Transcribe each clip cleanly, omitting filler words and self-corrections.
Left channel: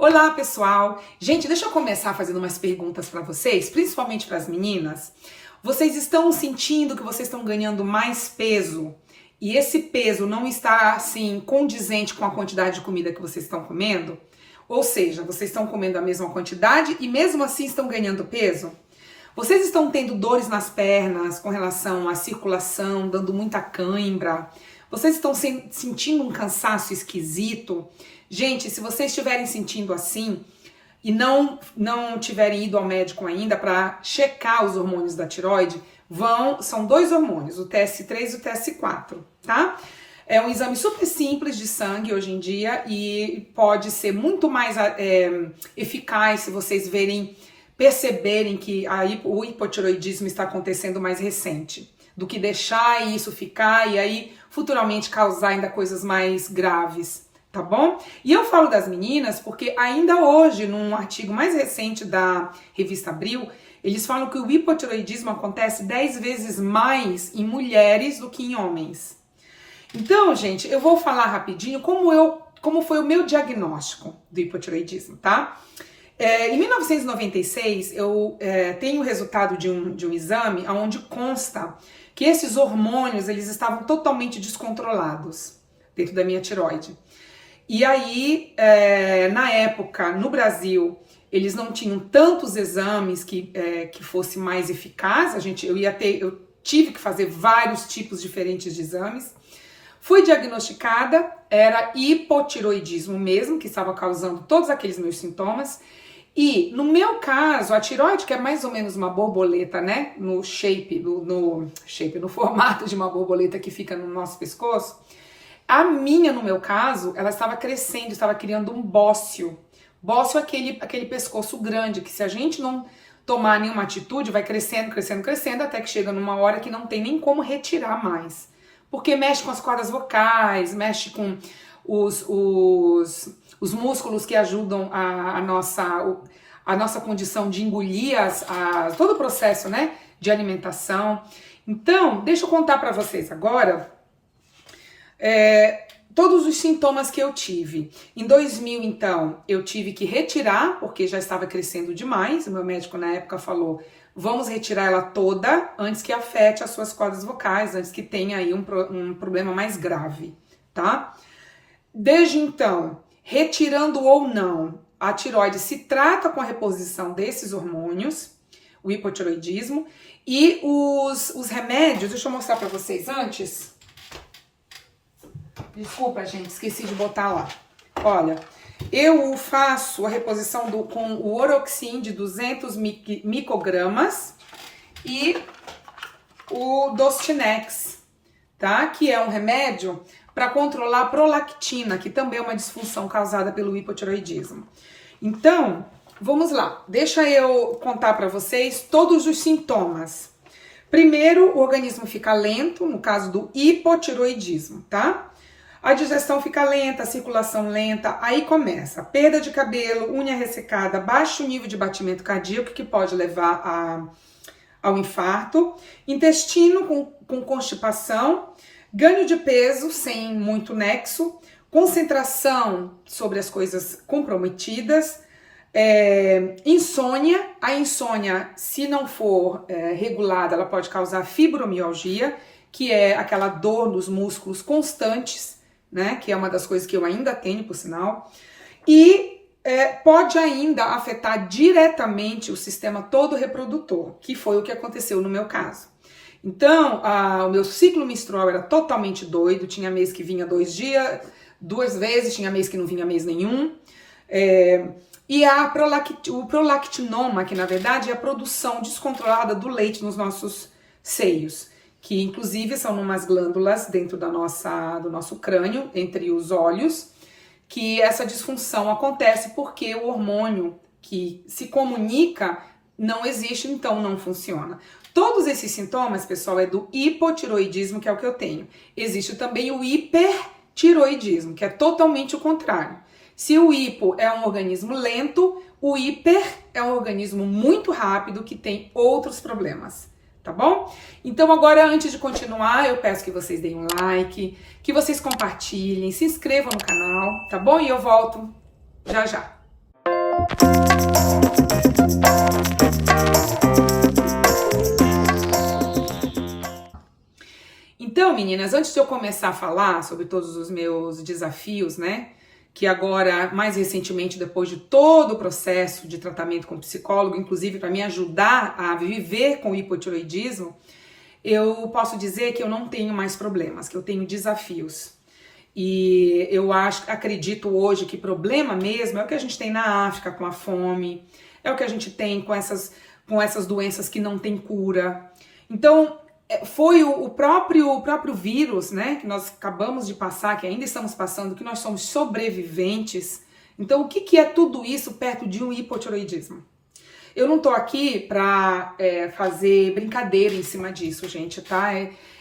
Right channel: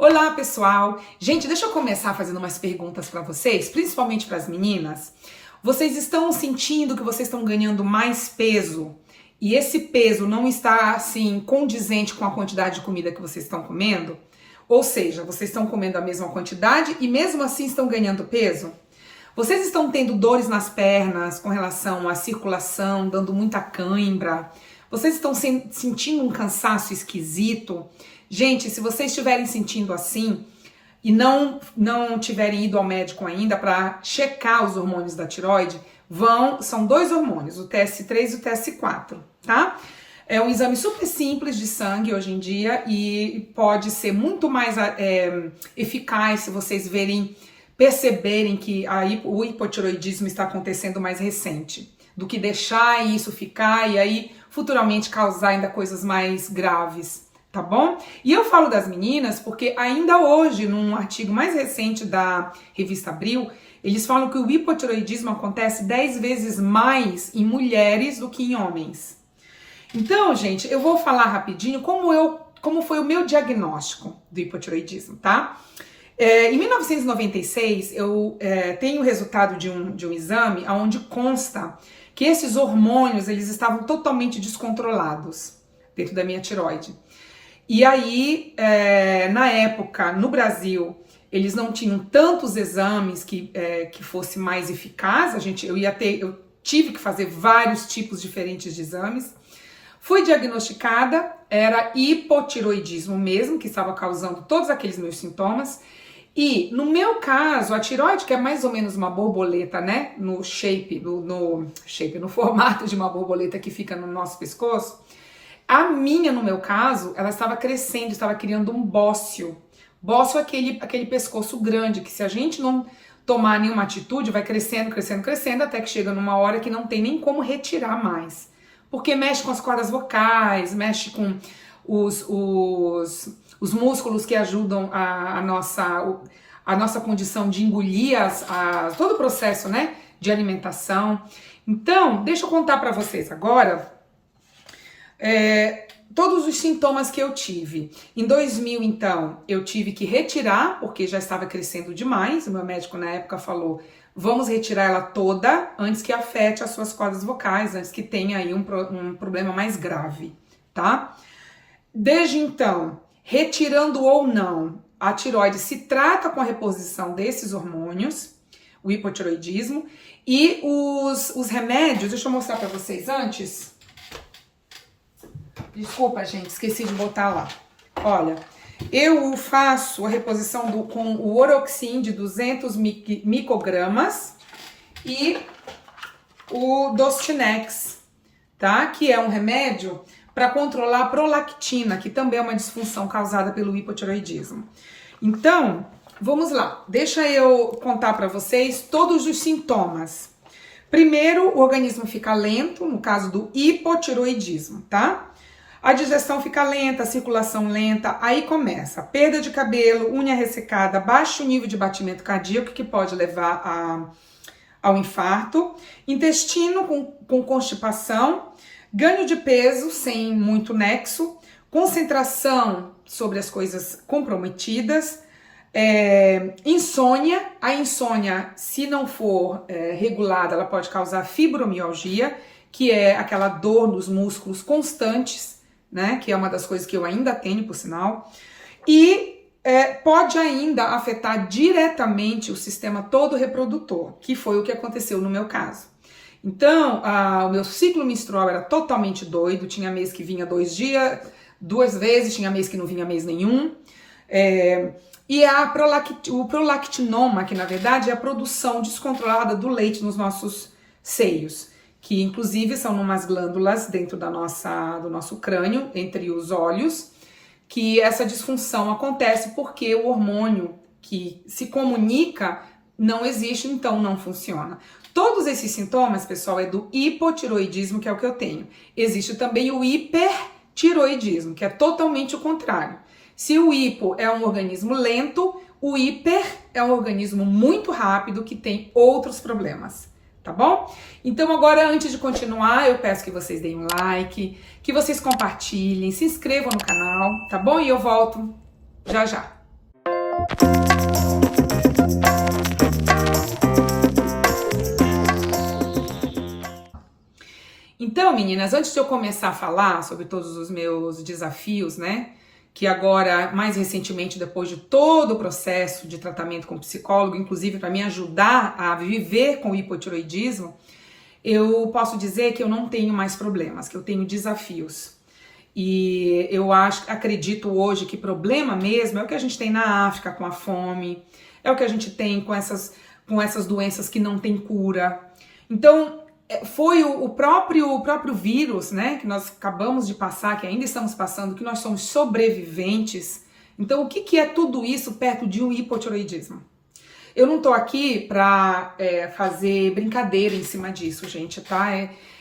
Olá, pessoal! Gente, deixa eu começar fazendo umas perguntas para vocês, principalmente para as meninas. Vocês estão sentindo que vocês estão ganhando mais peso e esse peso não está, assim, condizente com a quantidade de comida que vocês estão comendo? Ou seja, vocês estão comendo a mesma quantidade e mesmo assim estão ganhando peso? Vocês estão tendo dores nas pernas com relação à circulação, dando muita cãibra? Vocês estão sentindo um cansaço esquisito? Gente, se vocês estiverem sentindo assim e não tiverem ido ao médico ainda para checar os hormônios da tireoide, são dois hormônios, o TS3 e o TS4, tá? É um exame super simples de sangue hoje em dia e pode ser muito mais eficaz se vocês perceberem que o hipotireoidismo está acontecendo mais recente, do que deixar isso ficar e aí futuramente causar ainda coisas mais graves. Tá bom? E eu falo das meninas porque ainda hoje, num artigo mais recente da revista Abril, eles falam que o hipotireoidismo acontece 10 vezes mais em mulheres do que em homens. Então, gente, eu vou falar rapidinho como foi o meu diagnóstico do hipotireoidismo, tá? Em 1996, eu tenho o resultado de um exame onde consta que esses hormônios eles estavam totalmente descontrolados dentro da minha tireoide. E aí, na época, no Brasil, eles não tinham tantos exames que fosse mais eficaz. Eu tive que fazer vários tipos diferentes de exames. Fui diagnosticada, era hipotireoidismo mesmo, que estava causando todos aqueles meus sintomas. E, no meu caso, a tireoide, que é mais ou menos uma borboleta, né? No formato de uma borboleta que fica no nosso pescoço. A minha, no meu caso, ela estava crescendo, estava criando um bócio. Bócio é aquele pescoço grande, que se a gente não tomar nenhuma atitude, vai crescendo, crescendo, crescendo, até que chega numa hora que não tem nem como retirar mais. Porque mexe com as cordas vocais, mexe com os músculos que ajudam a nossa condição de engolir todo o processo, né, de alimentação. Então, deixa eu contar para vocês agora todos os sintomas que eu tive. Em 2000, então, eu tive que retirar, porque já estava crescendo demais. O meu médico na época falou, vamos retirar ela toda antes que afete as suas cordas vocais, antes que tenha aí um problema mais grave, tá? Desde então, retirando ou não, a tireoide se trata com a reposição desses hormônios, o hipotireoidismo, e os remédios, deixa eu mostrar para vocês antes. Desculpa, gente, esqueci de botar lá. Olha, eu faço a reposição com o Oroxin de 200 microgramas e o Dostinex, tá? Que é um remédio para controlar a prolactina, que também é uma disfunção causada pelo hipotireoidismo. Então, vamos lá. Deixa eu contar para vocês todos os sintomas. Primeiro, o organismo fica lento, no caso do hipotireoidismo, tá? A digestão fica lenta, a circulação lenta, aí começa perda de cabelo, unha ressecada, baixo nível de batimento cardíaco, que pode levar ao infarto, intestino com constipação, ganho de peso sem muito nexo, concentração sobre as coisas comprometidas, insônia. A insônia, se não for regulada, ela pode causar fibromialgia, que é aquela dor nos músculos constantes, né, que é uma das coisas que eu ainda tenho, por sinal, e pode ainda afetar diretamente o sistema todo reprodutor, que foi o que aconteceu no meu caso. Então, o meu ciclo menstrual era totalmente doido, tinha mês que vinha 2 dias, 2 vezes, tinha mês que não vinha mês nenhum, e o prolactinoma, que na verdade é a produção descontrolada do leite nos nossos seios, que inclusive são umas glândulas dentro do nosso crânio, entre os olhos, que essa disfunção acontece porque o hormônio que se comunica não existe, então não funciona. Todos esses sintomas, pessoal, é do hipotireoidismo, que é o que eu tenho. Existe também o hipertireoidismo, que é totalmente o contrário. Se o hipo é um organismo lento, o hiper é um organismo muito rápido que tem outros problemas. Tá bom? Então agora, antes de continuar, eu peço que vocês deem um like, que vocês compartilhem, se inscrevam no canal, tá bom? E eu volto já já. Então, meninas, antes de eu começar a falar sobre todos os meus desafios, né, que agora, mais recentemente, depois de todo o processo de tratamento com psicólogo, inclusive para me ajudar a viver com o hipotiroidismo, eu posso dizer que eu não tenho mais problemas, que eu tenho desafios. E eu acredito hoje que problema mesmo é o que a gente tem na África com a fome, é o que a gente tem com essas doenças que não tem cura. Então, foi o próprio vírus, né, que nós acabamos de passar, que ainda estamos passando, que nós somos sobreviventes. Então, o que é tudo isso perto de um hipotiroidismo? Eu não tô aqui pra fazer brincadeira em cima disso, gente, tá?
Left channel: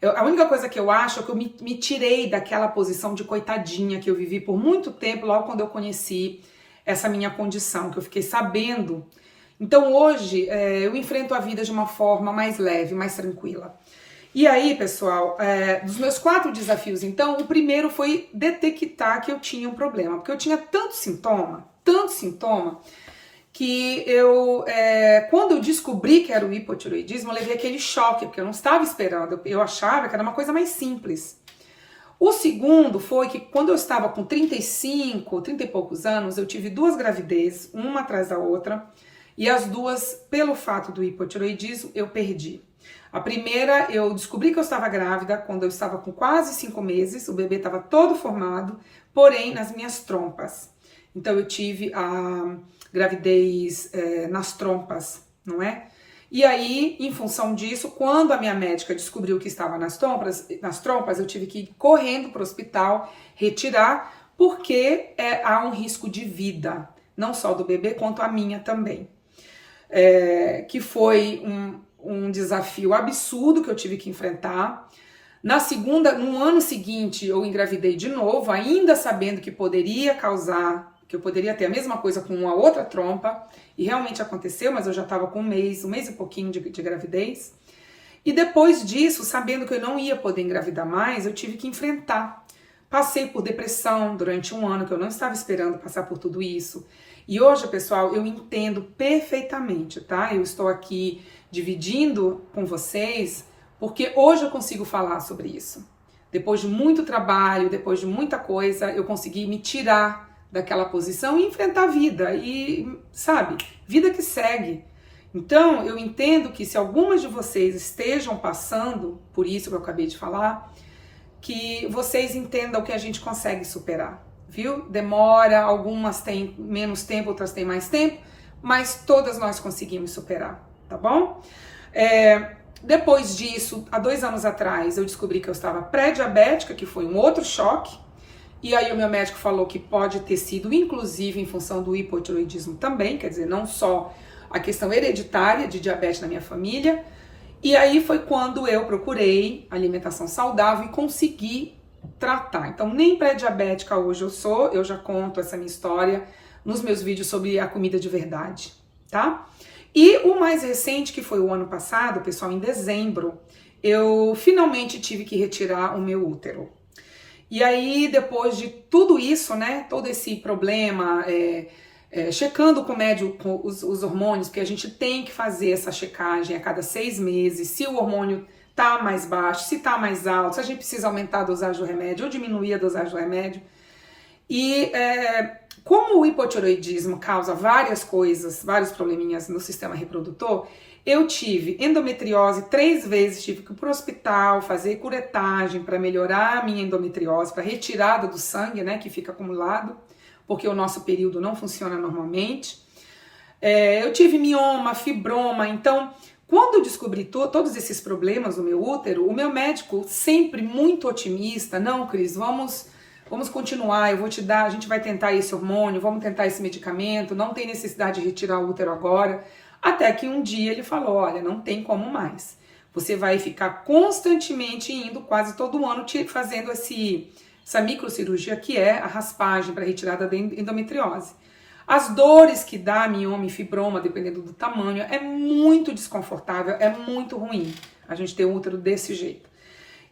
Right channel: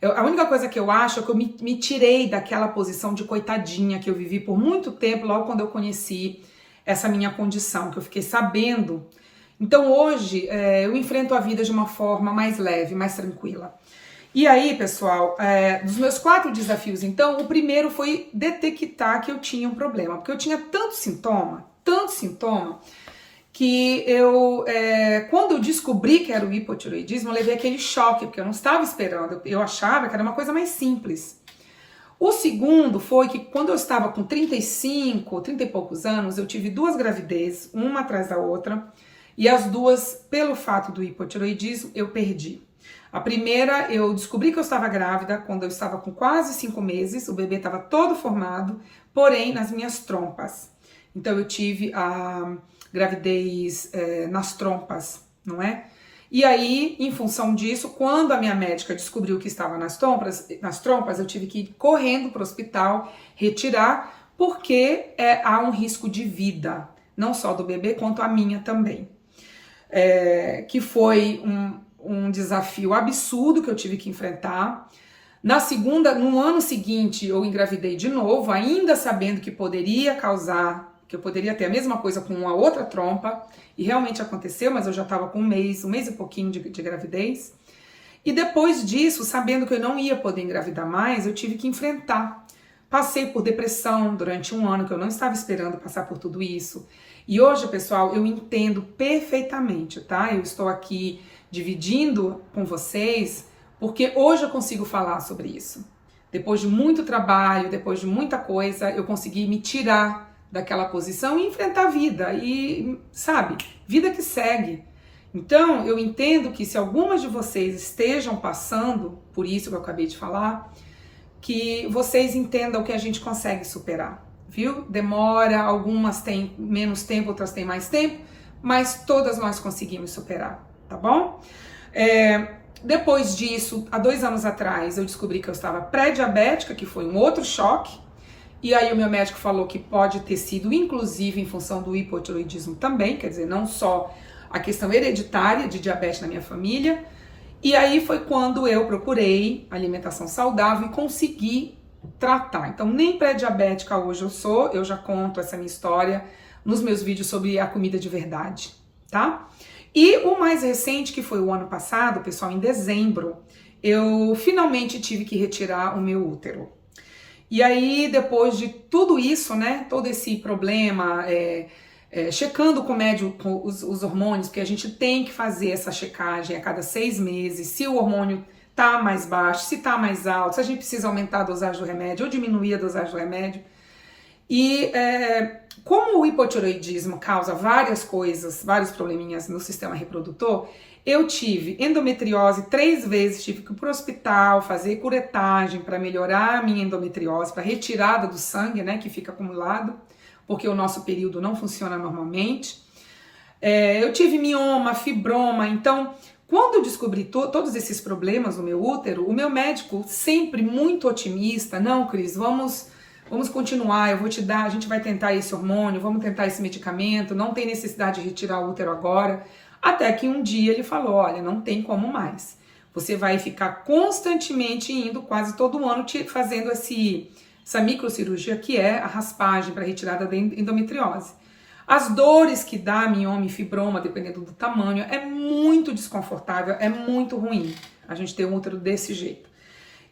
A única coisa que eu acho é que eu me tirei daquela posição de coitadinha que eu vivi por muito tempo, logo quando eu conheci essa minha condição, que eu fiquei sabendo. Então, hoje, eu enfrento a vida de uma forma mais leve, mais tranquila. E aí, pessoal, dos meus 4 desafios, então, o primeiro foi detectar que eu tinha um problema, porque eu tinha tanto sintoma, que quando eu descobri que era o hipotiroidismo, eu levei aquele choque, porque eu não estava esperando, eu achava que era uma coisa mais simples. O segundo foi que quando eu estava com 30 e poucos anos, eu tive 2 gravidezes, uma atrás da outra, e as 2, pelo fato do hipotiroidismo, eu perdi. A primeira, eu descobri que eu estava grávida quando eu estava com quase 5 meses, o bebê estava todo formado, porém nas minhas trompas. Então eu tive a gravidez nas trompas, não é? E aí, em função disso, quando a minha médica descobriu que estava nas trompas, eu tive que ir correndo para o hospital, retirar, porque há um risco de vida, não só do bebê, quanto a minha também. Que foi um desafio absurdo que eu tive que enfrentar. No ano seguinte, eu engravidei de novo, ainda sabendo que poderia eu poderia ter a mesma coisa com uma outra trompa, e realmente aconteceu, mas eu já estava com um mês e pouquinho de gravidez. E depois disso, sabendo que eu não ia poder engravidar mais, eu tive que enfrentar. Passei por depressão durante um ano, que eu não estava esperando passar por tudo isso. E hoje, pessoal, eu entendo perfeitamente, tá? Eu estou aqui dividindo com vocês, porque hoje eu consigo falar sobre isso. Depois de muito trabalho, depois de muita coisa, eu consegui me tirar daquela posição e enfrentar a vida. E, sabe, vida que segue. Então, eu entendo que se algumas de vocês estejam passando por isso que eu acabei de falar, que vocês entendam que a gente consegue superar, viu? Demora, algumas têm menos tempo, outras têm mais tempo, mas todas nós conseguimos superar, tá bom? Depois disso, há 2 anos atrás, eu descobri que eu estava pré-diabética, que foi um outro choque, e aí o meu médico falou que pode ter sido, inclusive, em função do hipotiroidismo também, quer dizer, não só a questão hereditária de diabetes na minha família. E aí foi quando eu procurei alimentação saudável e consegui tratar. Então, nem pré-diabética hoje eu já conto essa minha história nos meus vídeos sobre a comida de verdade, tá? E o mais recente, que foi o ano passado, pessoal, em dezembro, eu finalmente tive que retirar o meu útero. E aí, depois de tudo isso, né, todo esse problema, checando com o médico com os hormônios, porque a gente tem que fazer essa checagem a cada 6 meses, se o hormônio tá mais baixo, se tá mais alto, se a gente precisa aumentar a dosagem do remédio ou diminuir a dosagem do remédio. E como o hipotiroidismo causa várias coisas, vários probleminhas no sistema reprodutor, eu tive endometriose 3 vezes, tive que ir para o hospital, fazer curetagem para melhorar a minha endometriose, para retirada do sangue, né, que fica acumulado, porque o nosso período não funciona normalmente. Eu tive mioma, fibroma, então, quando eu descobri todos esses problemas no meu útero, o meu médico, sempre muito otimista, não, Cris, vamos continuar, eu vou te dar, a gente vai tentar esse hormônio, vamos tentar esse medicamento, não tem necessidade de retirar o útero agora. Até que um dia ele falou, olha, não tem como mais. Você vai ficar constantemente indo, quase todo ano, fazendo essa microcirurgia, que é a raspagem para retirada da endometriose. As dores que dá mioma e fibroma, dependendo do tamanho, é muito desconfortável, é muito ruim a gente ter um útero desse jeito.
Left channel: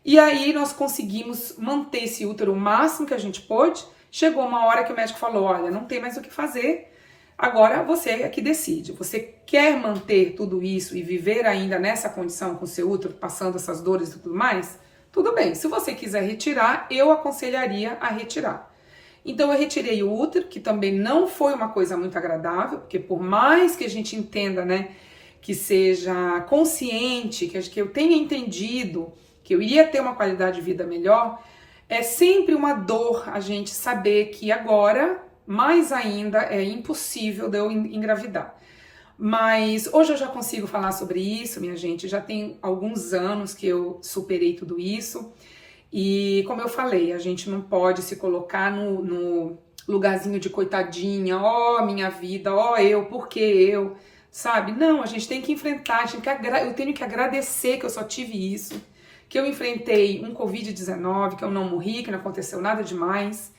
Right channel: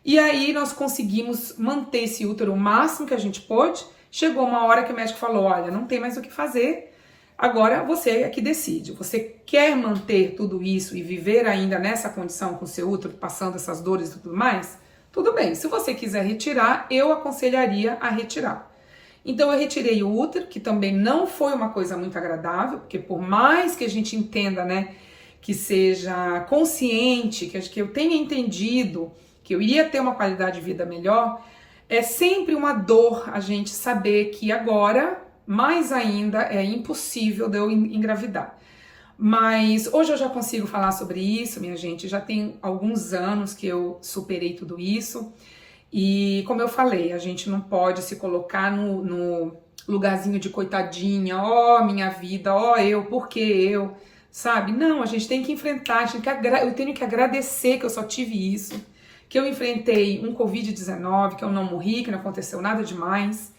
E aí nós conseguimos manter esse útero o máximo que a gente pôde. Chegou uma hora que o médico falou, olha, não tem mais o que fazer, Agora você é que decide. Você quer manter tudo isso e viver ainda nessa condição com seu útero, passando essas dores e tudo mais? Tudo bem. Se você quiser retirar, eu aconselharia a retirar. Então eu retirei o útero, que também não foi uma coisa muito agradável, porque por mais que a gente entenda, né, que seja consciente, que eu tenha entendido que eu iria ter uma qualidade de vida melhor, é sempre uma dor a gente saber que agora, mais ainda, é impossível de eu engravidar. Mas hoje eu já consigo falar sobre isso, minha gente. Já tem alguns anos que eu superei tudo isso. E como eu falei, a gente não pode se colocar no lugarzinho de coitadinha, ó, minha vida, ó, eu, por que eu, sabe? Não, a gente tem que enfrentar, eu tenho que agradecer que eu só tive isso, que eu enfrentei um Covid-19, que eu não morri, que não aconteceu nada demais,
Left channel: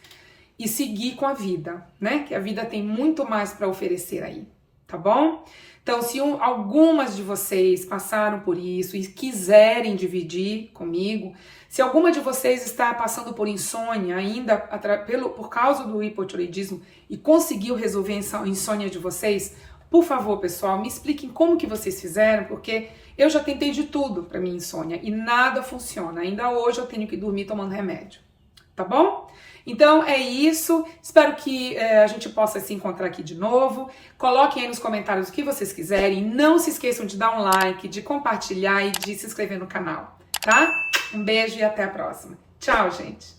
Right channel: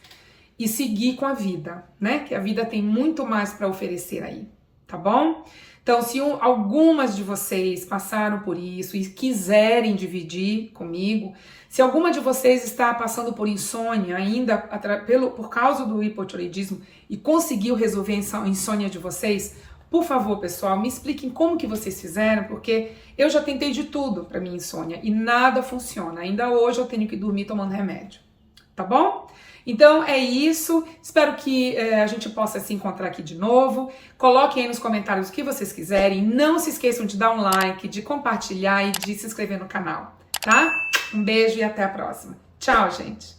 e seguir com a vida, né? Que a vida tem muito mais para oferecer aí, tá bom? Então, se algumas de vocês passaram por isso e quiserem dividir comigo, se alguma de vocês está passando por insônia ainda por causa do hipotireoidismo e conseguiu resolver a insônia de vocês, por favor, pessoal, me expliquem como que vocês fizeram, porque eu já tentei de tudo para minha insônia e nada funciona. Ainda hoje eu tenho que dormir tomando remédio, tá bom? Então é isso, espero que a gente possa se encontrar aqui de novo. Coloquem aí nos comentários o que vocês quiserem. Não se esqueçam de dar um like, de compartilhar e de se inscrever no canal, tá? Um beijo e até a próxima. Tchau, gente!